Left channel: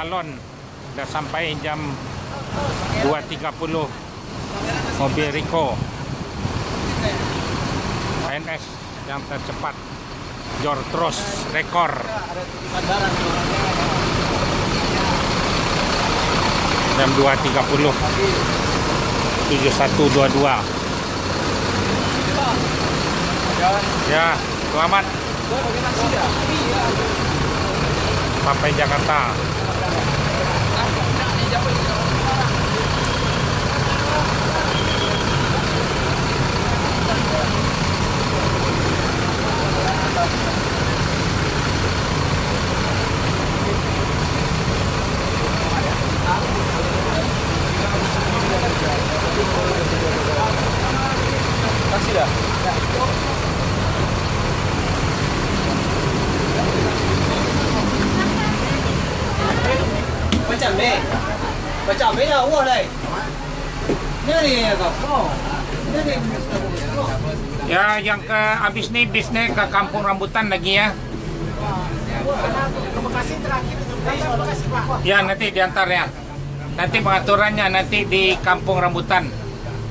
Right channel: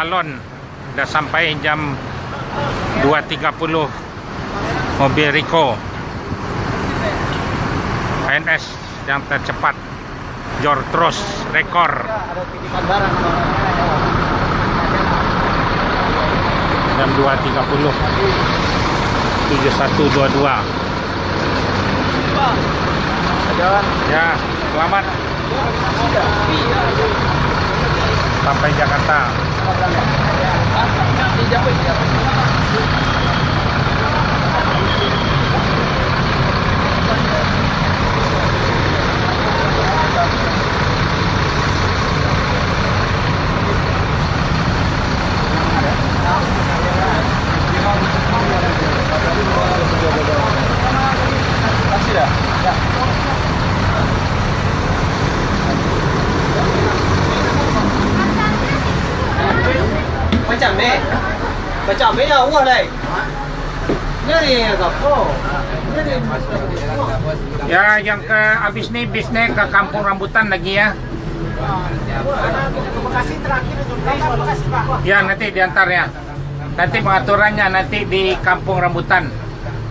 balon. Dah sampai jam 2.30 mobil Rico ANS yang tercepat Jortros rekor. Jam 2.30 7122. Ya, selamat sampai Jakarta. Taksi dah? Ya. Macam ni lah uang dah. Ni kau. Ya, yang ke habis nih bisnya ke Kampung Rambutan lagi ya. Ya, nanti diantar ya. Nanti pengaturannya nanti di Kampung Rambutan.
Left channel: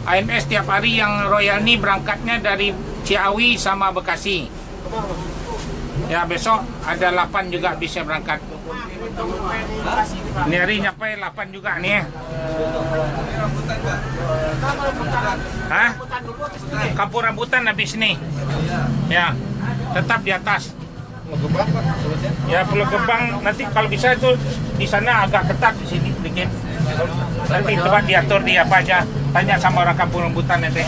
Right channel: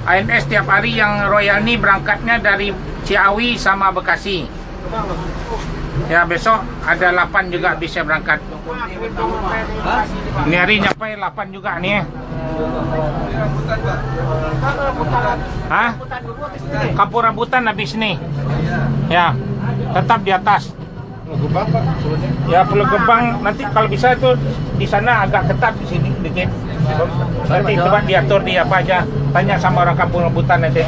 ANS tiap hari yang Royal ini berangkatnya dari Ciawi sama Bekasi. Ya, besok ada 8 juga bisa berangkat. Ini hari nyampe 8 juga nih ya. Hah? Kampung Rambutan habis nih. Ya, tetap di atas. Ya, Pulau Gebang nanti kalau bisa itu di sana agak ketat, di sini dikit. Nanti tempat diatur di apa aja. Tanya sama orang Kampung Rambutan nanti.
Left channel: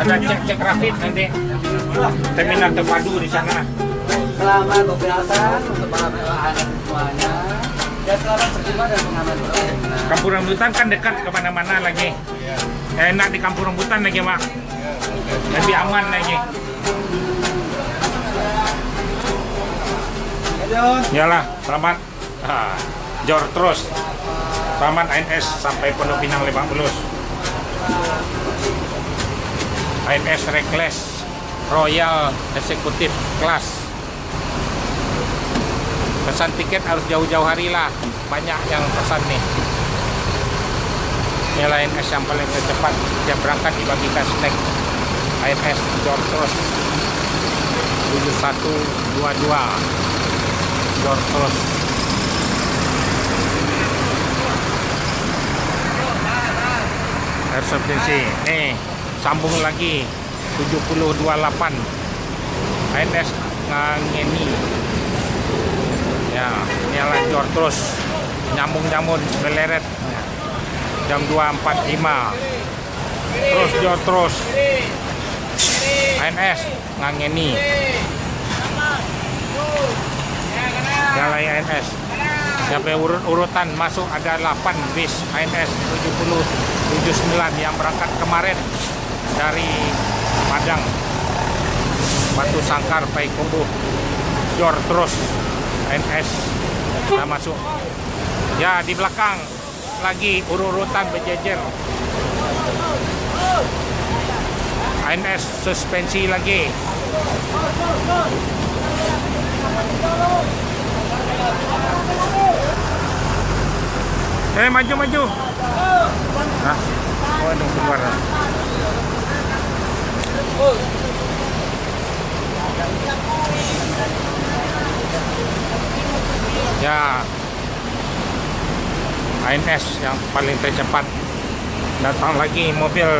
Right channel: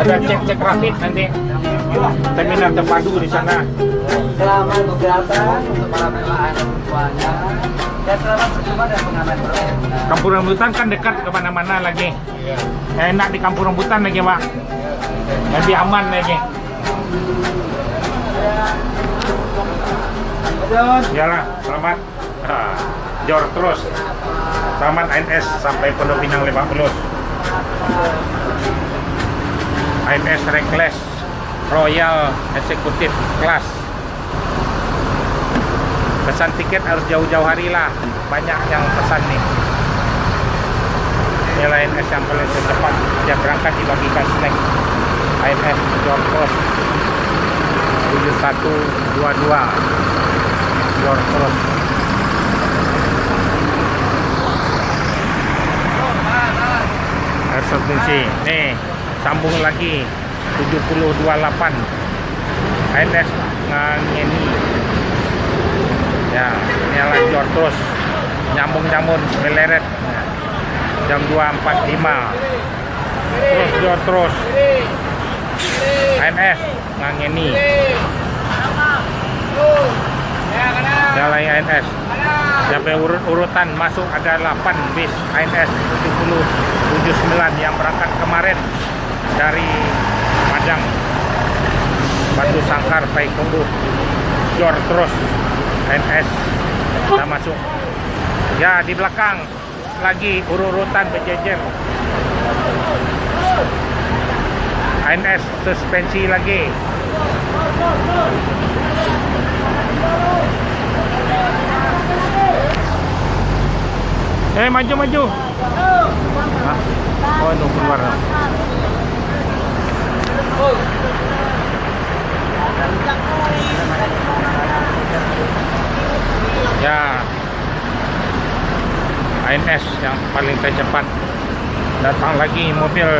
Ada cek rapid nanti. Terminal terpadu di sana. Selamat berkegiatan untuk para PLN semuanya. Dan selamat berjumpa dengan pengamen. Kampung Rambutan kan dekat kemana-mana lagi. Enak di Kampung Rambutan lagi, Pak. Lebih aman lagi. Iyalah, selamat. Jor terus. Selamat ANS sampai Pondok Pinang Lebak Bulus. ANS Reckless Royal Executive Class. Pesan tiket harus jauh-jauh hari lah. Banyak yang pesan nih. Ini ANS yang paling tercepat. Dia berangkat dibagi-bagi snack. ANS Jortros 7122 Jortros. Air substitusi. Nih, sambung lagi 7028 ANS Ngangeni. Ya, ini adalah Jortros nyambung-nyambung meleret. Jam 2.45. Terus Jortros ANS Ngangeni. Galai ANS. Sampai urutan masuk ada 8 bis ANS 7079 yang berangkat kemarin dari Padang, Batu Sangkar, Payakumbuh. Jortros ANS sudah masuk. Ya, di belakang lagi urutan berjejer. ANS suspensi lagi. Maju. Hah? Oh, itu keluar. Ya, ANS yang paling tercepat. Datang lagi mobil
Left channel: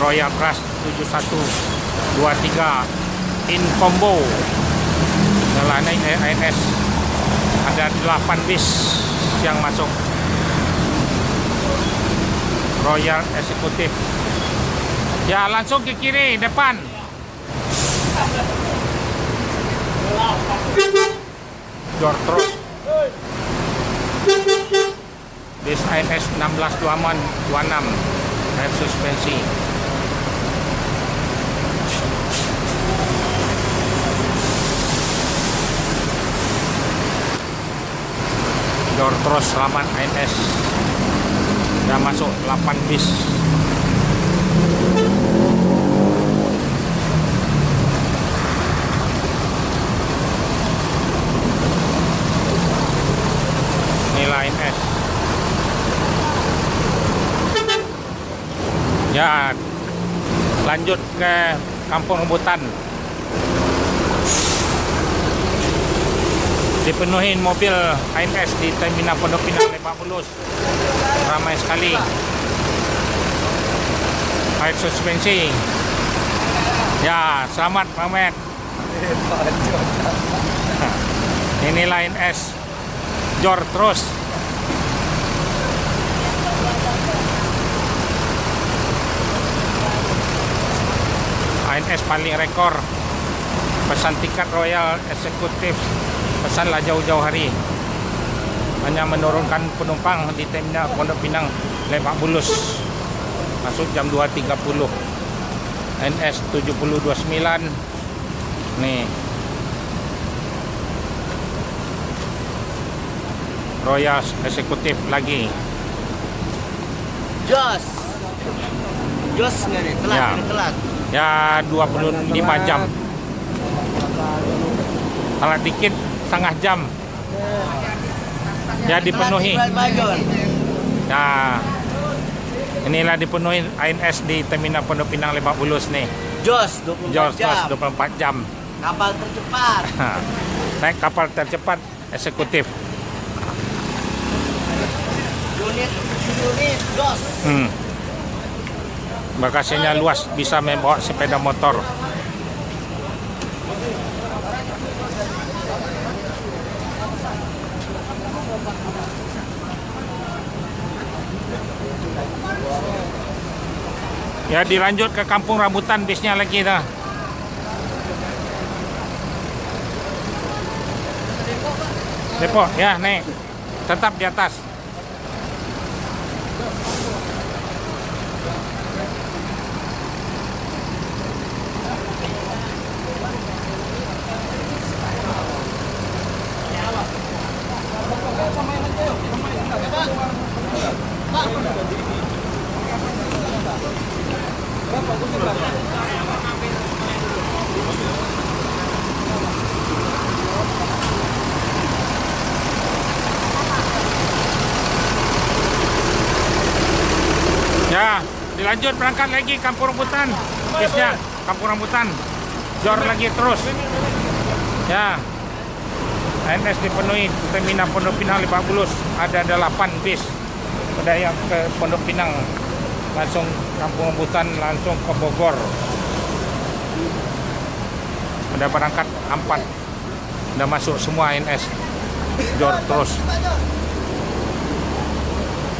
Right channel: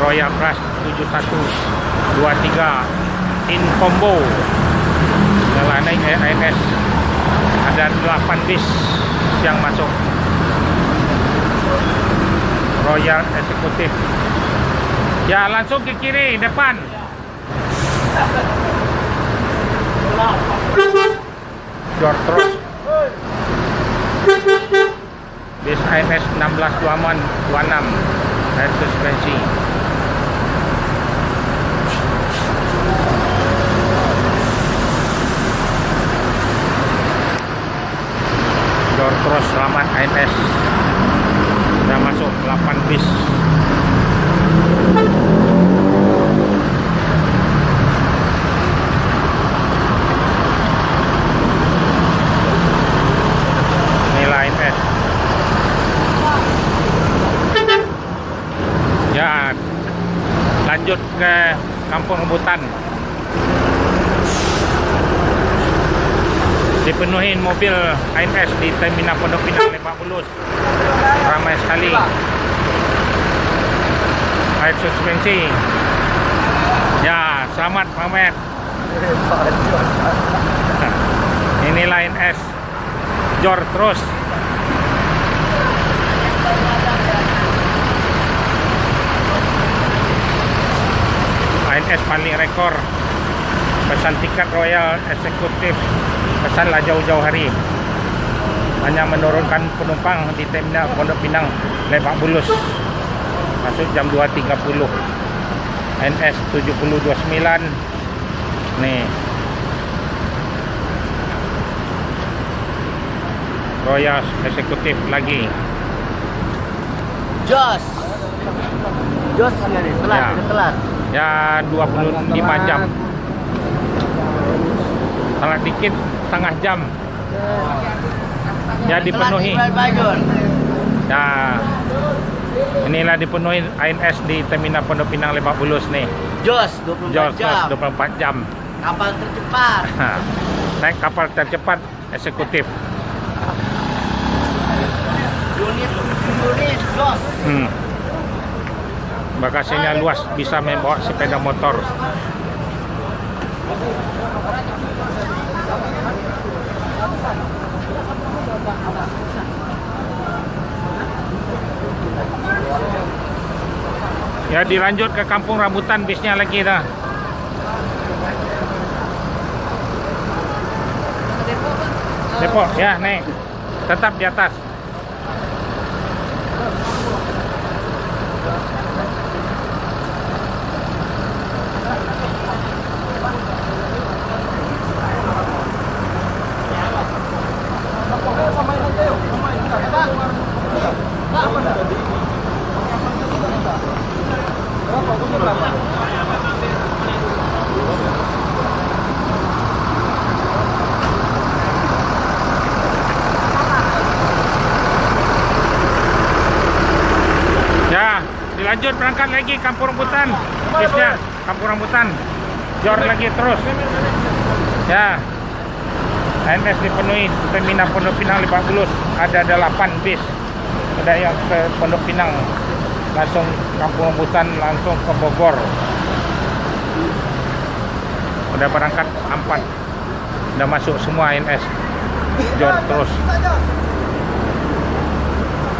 Royal Class 7123 in combo. Jalan ANS. Ada 8 bis yang masuk. Royal Executive. Ya, langsung ke kiri depan. Jortros. Bis ANS 1626 air suspensi. Jortros selamat ANS. Sudah masuk 8 bis. lanjut ke Kampung Rambutan. Dipenuhi mobil ANS di Terminal Pondok Pinang Lebak Bulus. Ramai sekali. Air suspensi. Ya, selamat Pak Ahmed. Inilah ANS. Jor terus. ANS paling rekor. Pesan tiket Royal Eksekutif. Pesanlah jauh-jauh hari. Hanya menurunkan penumpang di Terminal Pondok Pinang Lebak Bulus. Masuk jam 2.30. ANS 7029. Nih. Royal Eksekutif lagi. Jos nggak nih? Telat, Ya. udah telat. Ya 25 jam. Telat dikit setengah jam. Ya dipenuhi. Nah, inilah dipenuhi ANS di Terminal Pondok Pinang Lebak Bulus nih. Jos Jos 24 jam. 24 jam. Kapal tercepat. Nah, naik kapal tercepat eksekutif. Unit Jos. Bagasinya luas, bisa membawa sepeda motor. Ya dilanjut ke Kampung Rambutan bisnya lagi dah. Depot ya nih, tetap di atas. Ya, dilanjut berangkat lagi Kampung Rambutan. Bisnya Kampung Rambutan. Jor lagi terus. Ya. ANS dipenuhi Terminal Pondok Pinang Lebak Bulus. Ada 8 bis. Ada yang ke Pondok Pinang, langsung Kampung Rambutan, langsung ke Bogor. Udah berangkat 4. Udah masuk semua ANS. Jor terus.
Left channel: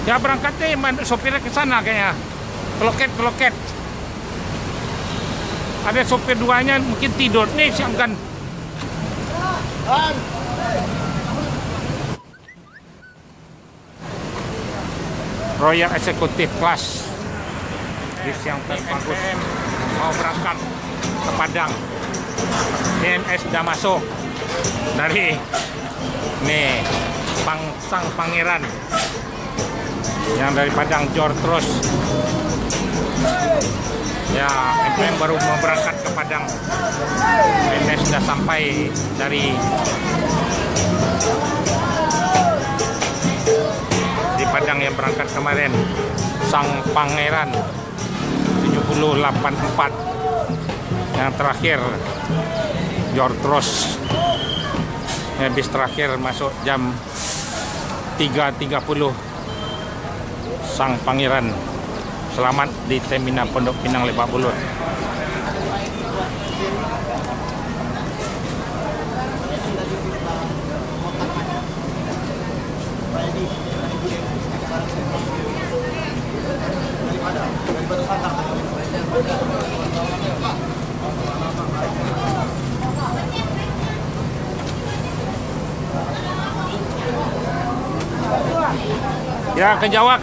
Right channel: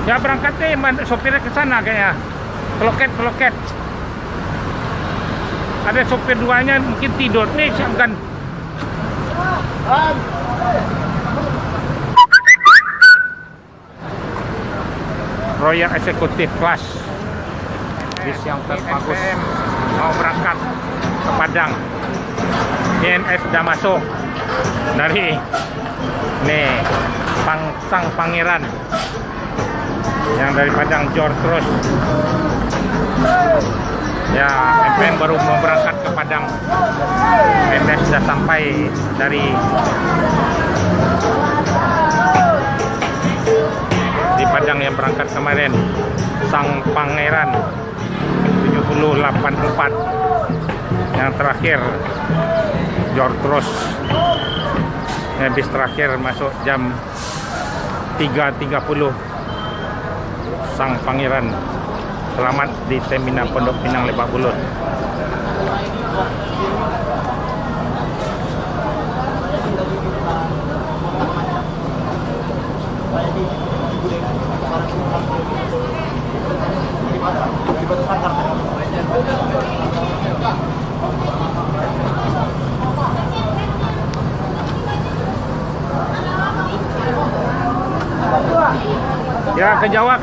Ya berangkatnya sopirnya ke sana kayaknya. Teloket. Ada sopir duanya mungkin tidur nih siapkan. Royal Eksekutif Kelas. Bis yang terbagus mau berangkat ke Padang. ANS sudah masuk dari nih Sang Pangeran. Yang dari Padang Jor terus. Ya, MPM baru mau berangkat ke Padang. ANS sudah sampai dari di Padang yang berangkat kemarin. Sang Pangeran 7084. Yang terakhir Jor terus. Bis terakhir masuk jam 3.30. Sang Pangeran selamat di Terminal Pondok Pinang Lebak Bulus. Ya ke Jawa.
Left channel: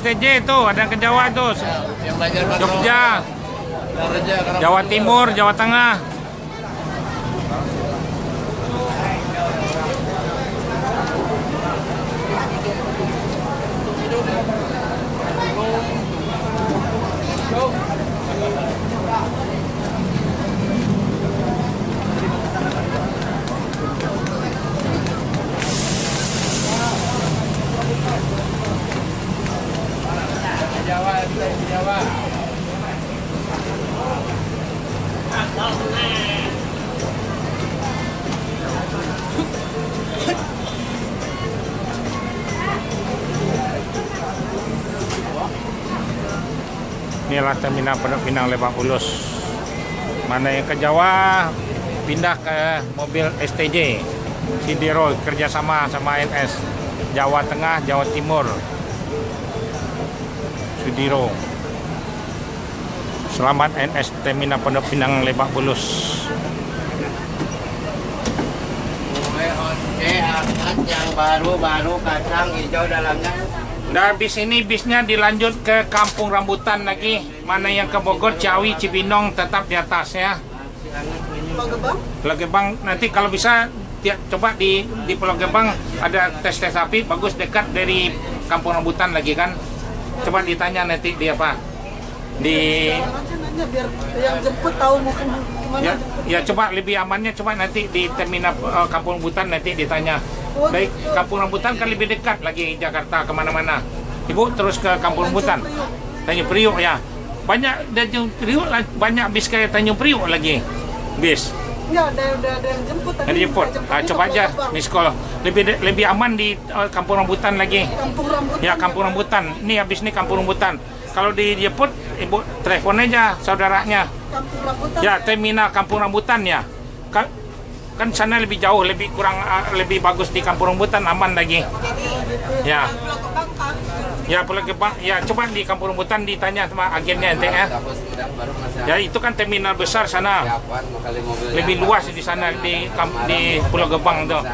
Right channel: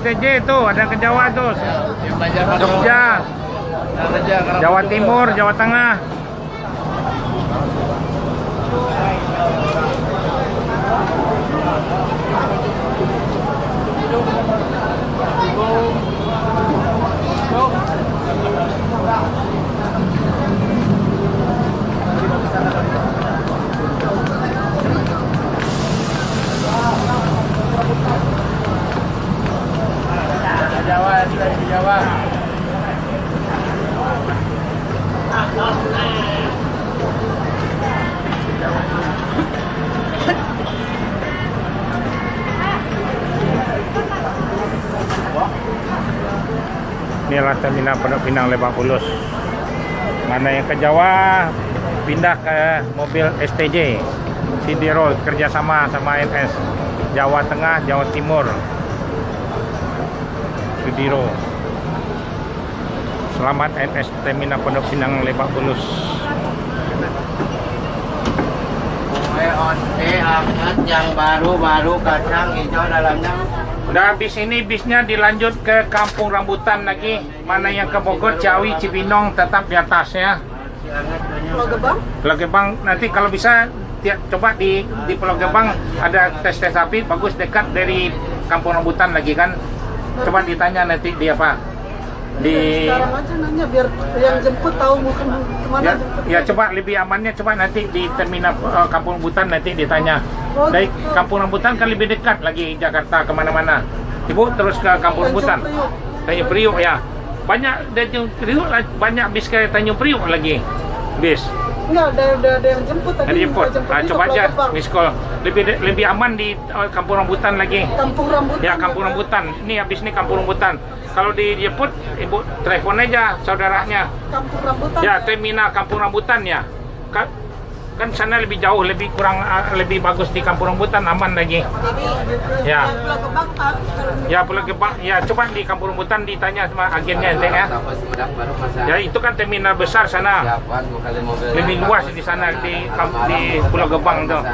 STJ itu ada ke Jawa tuh. Jogja, Jawa Timur, Jawa Tengah. Inilah terminal Pondok Pinang Lebak Bulus. Mana yang ke Jawa pindah ke mobil STJ Sidiro kerjasama sama ANS. Jawa Tengah, Jawa Timur, Sidiro. Selamat ANS terminal Pondok Pinang Lebak Bulus. Onde hangat yang baru kacang hijau dalamnya. Nah, bis ini bisnya dilanjut ke Kampung Rambutan lagi. Mana yang ke Bogor, Ciawi, Cibinong tetap di atas ya. Pulau Gebang nanti kalau bisa coba di Pulau Gebang ada tes api bagus dekat dari Kampung Rambutan lagi kan. Coba ditanya nanti dia apa. Sekarang aja nanya biar yang jemput tahu mau kemana. Ya coba lebih amannya coba nanti di terminal Kampung Rambutan nanti ditanya. Dari Kampung Rambutan kan lebih dekat lagi Jakarta kemana-mana. Ibu terus ke Kampung Rambutan. Tanjung Priok ya. Banyak Tanjung Priok, banyak bis ke Tanjung Priok lagi. Bis. Enggak, ada yang jemput tadi. Ada jemput. Coba aja miss call. Lebih aman di Kampung Rambutan lagi. Kampung Rambutan. Ya Kampung Rambutan. Ini habis ini Kampung Rambutan. Kalau dijemput, ibu telepon aja saudaranya. Kampung Rambutan. Ya terminal Kampung Rambutan ya. Kan sana lebih jauh, lebih bagus di Kampung Rambutan, aman lagi. Ya. Pulau Gebang Pak. Ya Pulau Gebang. Ya coba di Kampung Rambutan ditanya sama agennya ya. Ya itu kan terminal besar sana. Lebih luas di sana di Pulau Gebang tuh.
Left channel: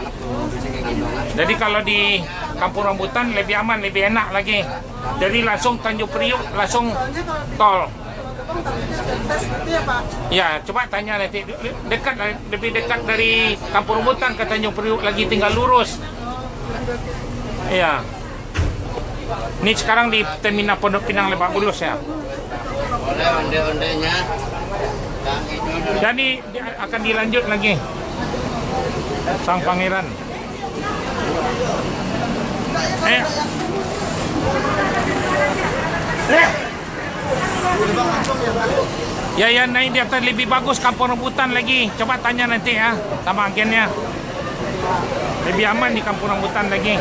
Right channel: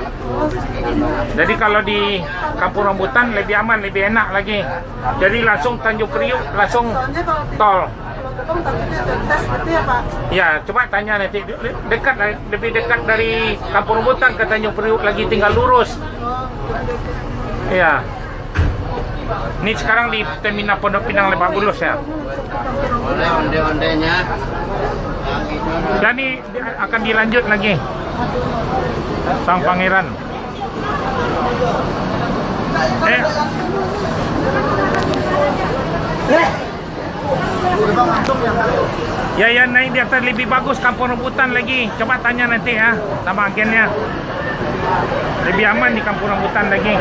Jadi kalau di Kampung Rambutan lebih aman, lebih enak lagi. Jadi langsung Tanjung Priok, langsung tol. Tes gitu ya Pak. Ya, coba tanya nanti dekat lebih dekat dari Kampung Rambutan ke Tanjung Priok lagi tinggal lurus. Iya. Ini sekarang di terminal Pondok Pinang Lebak Bulus ya. Oleh onde-ondenya. Dan ini akan dilanjut lagi. Sang Pangeran. Ya naik di atas lebih bagus Kampung Rambutan lagi. Coba tanya nanti ya sama agennya. Lebih aman di Kampung Rambutan lagi.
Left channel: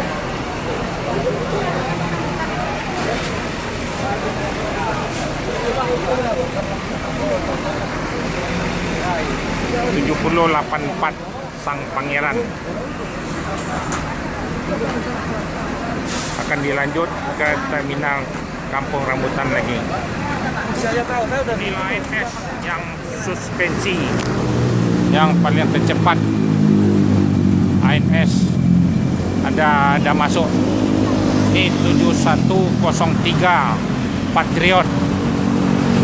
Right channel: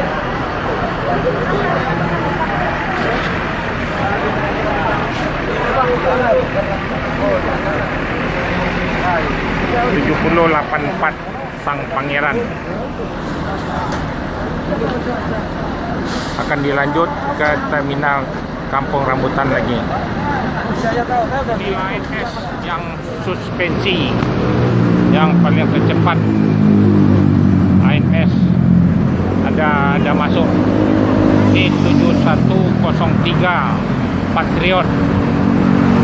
...7084 Sang Pangeran akan dilanjut ke terminal Kampung Rambutan lagi. Ini ANS yang suspensi yang paling tercepat. ANS ada masuk E7103 Patriot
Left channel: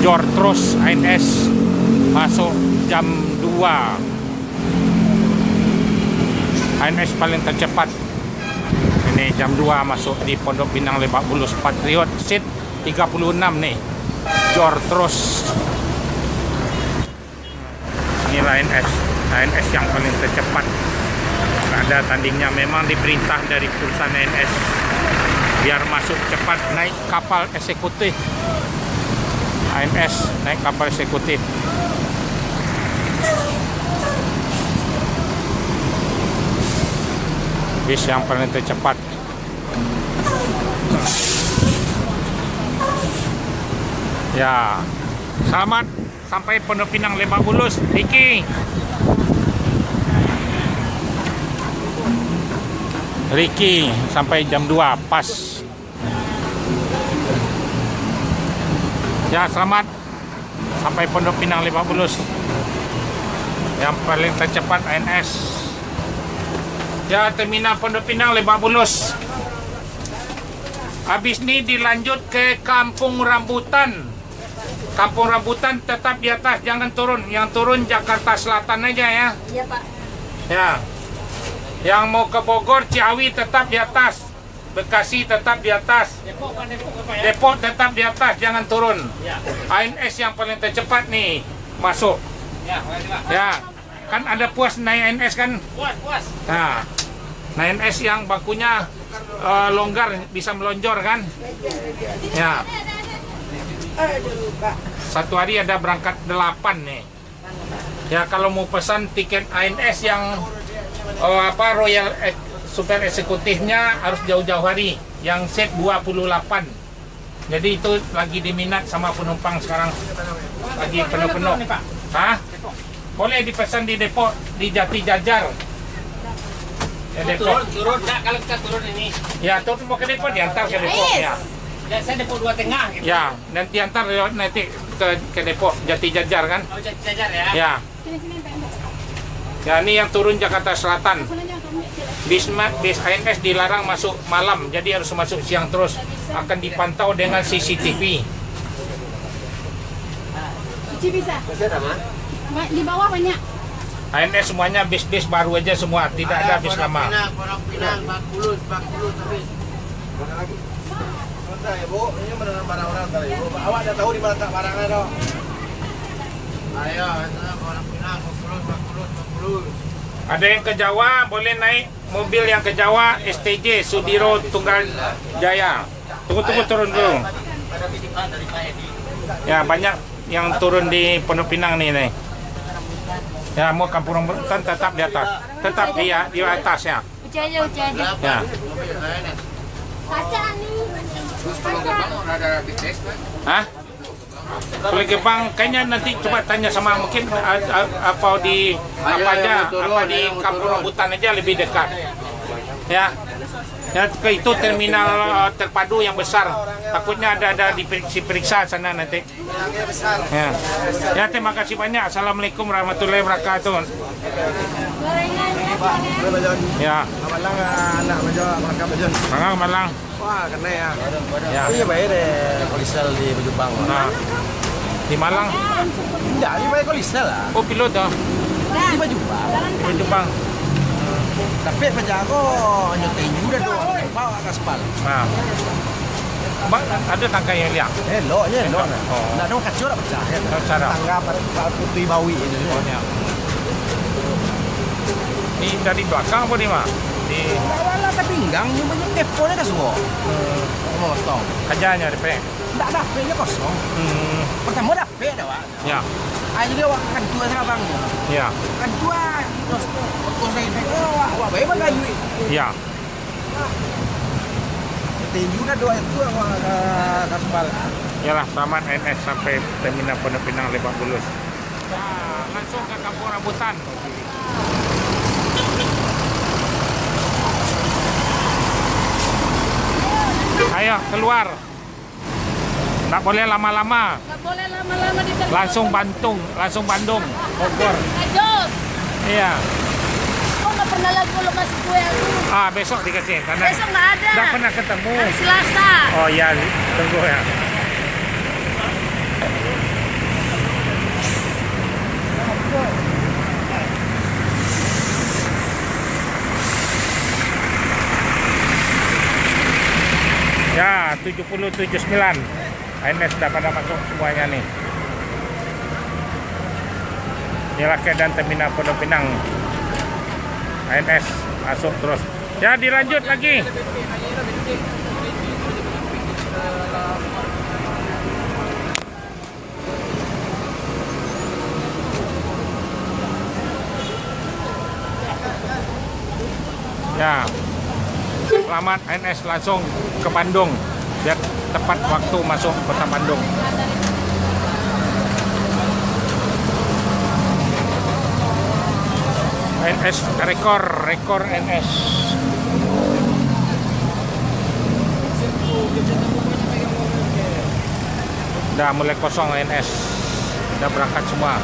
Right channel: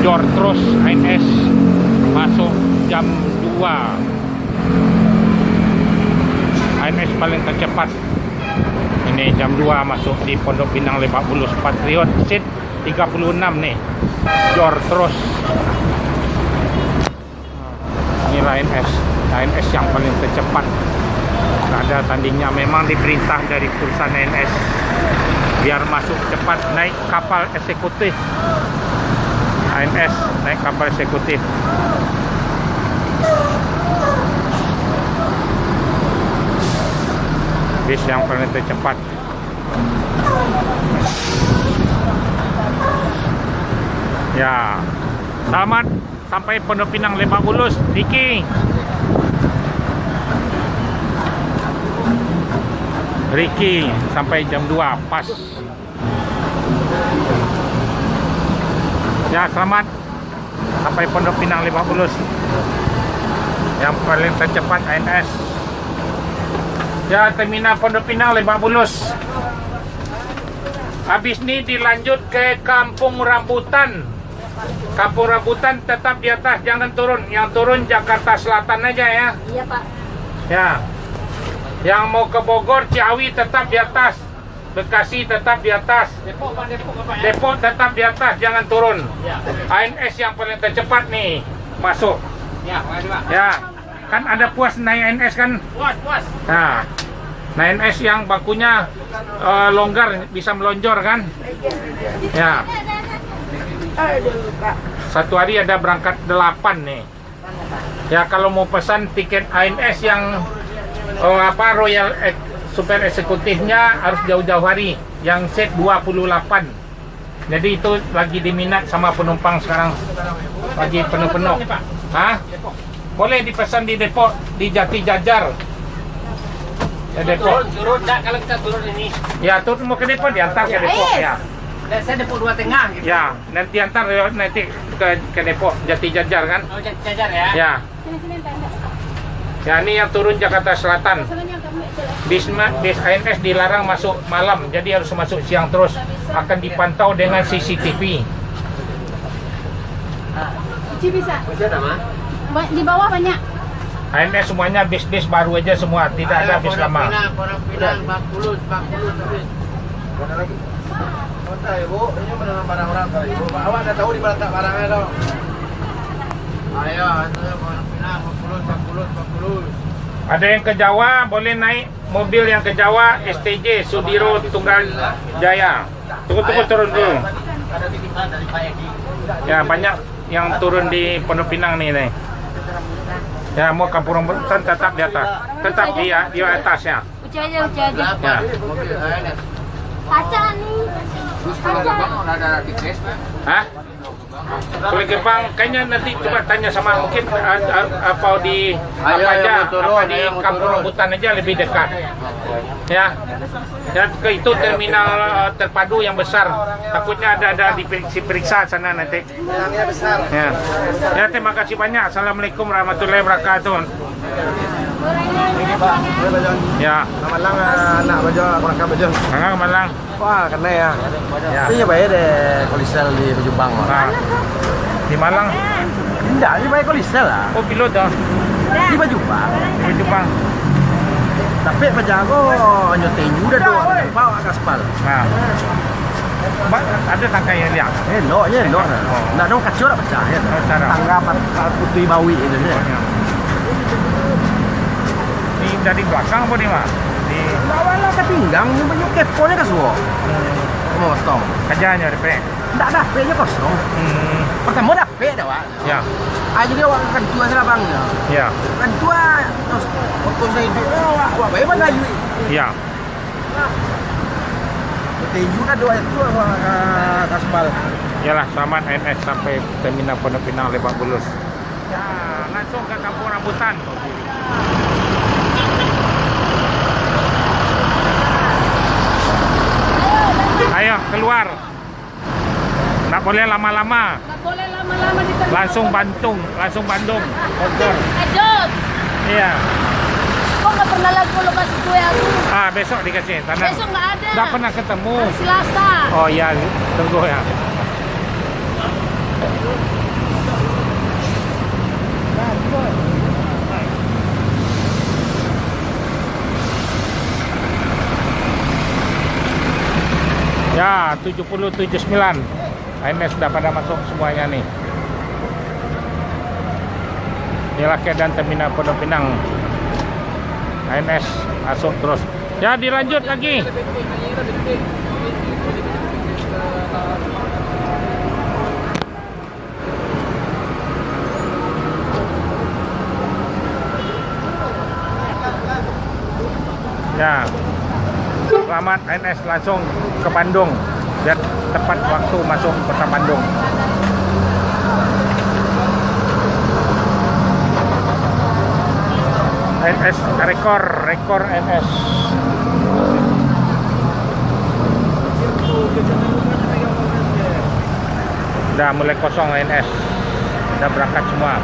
Jor terus ANS masuk jam 2. ANS paling tercepat ini jam 2 masuk di Pondok Pinang Lebak Bulus. Patriot seat 36 nih, Jor terus. Ini ANS yang paling tercepat, nggak ada tandingnya. Memang diperintah dari perusahaan ANS biar masuk cepat, naik kapal eksekutif. ANS naik kapal eksekutif. Bis yang paling tercepat. Ya, selamat sampai Pondok Pinang Lebak Bulus, Ricky sampai jam 2 pas. Ya, selamat sampai Pondok Pinang Lebak Bulus. Yang paling tercepat ANS. Ya, terminal Pondok Pinang Lebak Bulus. Habis ini dilanjut ke Kampung Rambutan. Kampung Rambutan tetap di atas, jangan turun. Yang turun Jakarta Selatan aja ya. Iya Pak. Ya. Yang mau ke Bogor, Ciawi tetap di atas. Bekasi tetap di atas. Depok tetap di atas, jangan turun. ANS yang paling tercepat nih masuk. Ya. Kan ada puas naik ANS kan? Puas. Nah, ANS yang bakunya longgar, bisa melonjor kan? Ya. Satu hari ada berangkat 8 nih. Ya, kalau mau pesan tiket ANS yang Royal Super Eksekutifnya harus jauh-jauh hari. Yang set 28. Jadi itu lagi diminat sama penumpang sekarang. Lagi penuh-penuh. Hah? Boleh dipesan di depo di Jati Jajar. Ya, depo. Turun enggak kalau kita turun ini? Ya, turun mau ke depo diantar ke depo ya. Saya depo 2 tengah gitu. Ya, nanti antar nanti ke depo Jati Jajar kan? Oh, jajar ya. Ya. Ya, ini yang turun Jakarta Selatan. Bis ANS dilarang masuk malam, jadi harus masuk siang terus. Akan dipantau dengan CCTV. Bisa. Di bawah banyak. ANS semuanya bis-bis baru aja semua, tidak ada bis lama. Pondok Pinang, Bakulus habis. Mana lagi? Bentar ya Bu, ini beneran barang orang kali Bu. Awak ada tahu di mana tak barangnya dong? Ayo, itu Pondok Pinang, Bakulus. Ada yang ke Jawa, boleh naik mobil yang ke Jawa, STJ, Sudiro Tunggal Jaya. Tunggu turun dulu. Ada titipan dari Pak Edi. Ya, banyak yang turun di Pondok Pinang nih. Ya, mau kampung rambutan tetap di atas. Tetap di atas ya. Uci aja. Ya. Kaca nih. Ada bisnis kan? Hah? Kalau Gebang kayaknya nanti coba tanya sama mungkin apa di kampung rambutan aja lebih dekat. Ya. Ya, ke itu terminal terpadu yang besar. Takutnya ada diperiksa sana nanti. Yang besar. Ya. Ya, terima kasih banyak. Assalamualaikum warahmatullahi wabarakatuh. Ya. Malang anak baca mereka baca. Malang. Wah, kena ya. Ya. Iya bayar deh kolisel di Jepang. Nah, di Malang. Tidak, ini bayar kolisel lah. Oh, pilot ya. Di Jepang. Di Jepang. Tapi penjago nyotain juga doang. Bawa ke aspal. Nah. Ada tangga yang liang. Elok. Oh. Nggak ada kacau tak pecah ya. Cara. Tangga putri bawi itu. Pokoknya. Ini dari belakang apa nih, Pak? Di Bawa ke pinggang, ini banyak keponya kan semua. Motong. kerjanya DP. Nggak ada, HP-nya kosong. Pertama ada HP dah, Pak. Ya. Jadi awak kan tua sana bangnya. Ya. Kan tua, terus foto saya itu, awak bagaimana lagi? Ya. Betul juga doa itu awak kaspal. Yalah, selamat NS sampai terminal Pondok Pinang Lebak Bulus. Ya, langsung ke kampung rambutan. Ayo keluar. Tak boleh lama-lama. Nggak boleh lama-lama di terminal. Langsung Bandung. Bogor. Ajos. Iya. Kok nggak pernah lagi lo kasih kue aku? Besok dikasih tanah. Besok nggak ada. Nggak pernah ketemu. Selasa. Oh iya, tunggu ya. Ya, 7079. ANS sudah pada masuk semuanya nih. Inilah keadaan terminal Pondok Pinang. ANS masuk terus. Ya, dilanjut lagi. Ya. Selamat ANS langsung ke Bandung. Biar tepat waktu masuk kota Bandung. ANS rekor ANS. Udah mulai kosong ANS. Udah berangkat semua.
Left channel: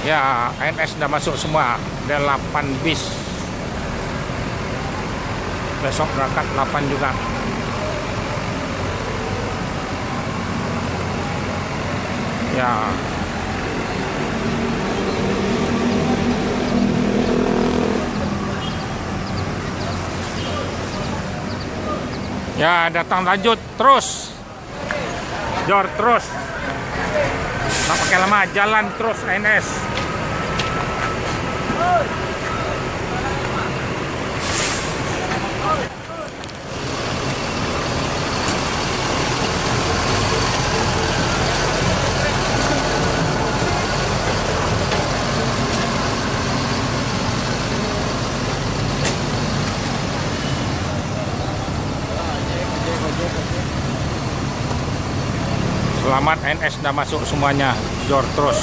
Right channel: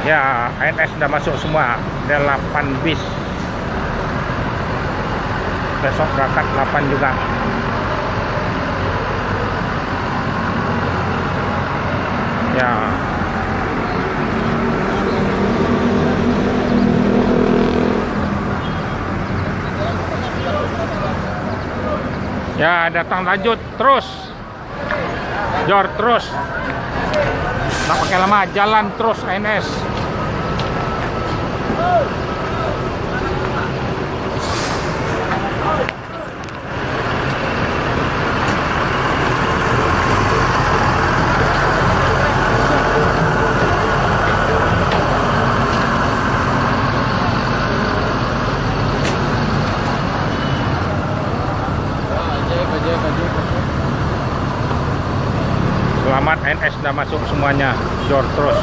Ya, ANS sudah masuk semua. Ada 8 bis. Besok berangkat 8 juga. Ya. Ya, datang lanjut terus. Jor terus. Nggak pakai lama, jalan terus ANS. Selamat NS sudah masuk semuanya. Jor terus.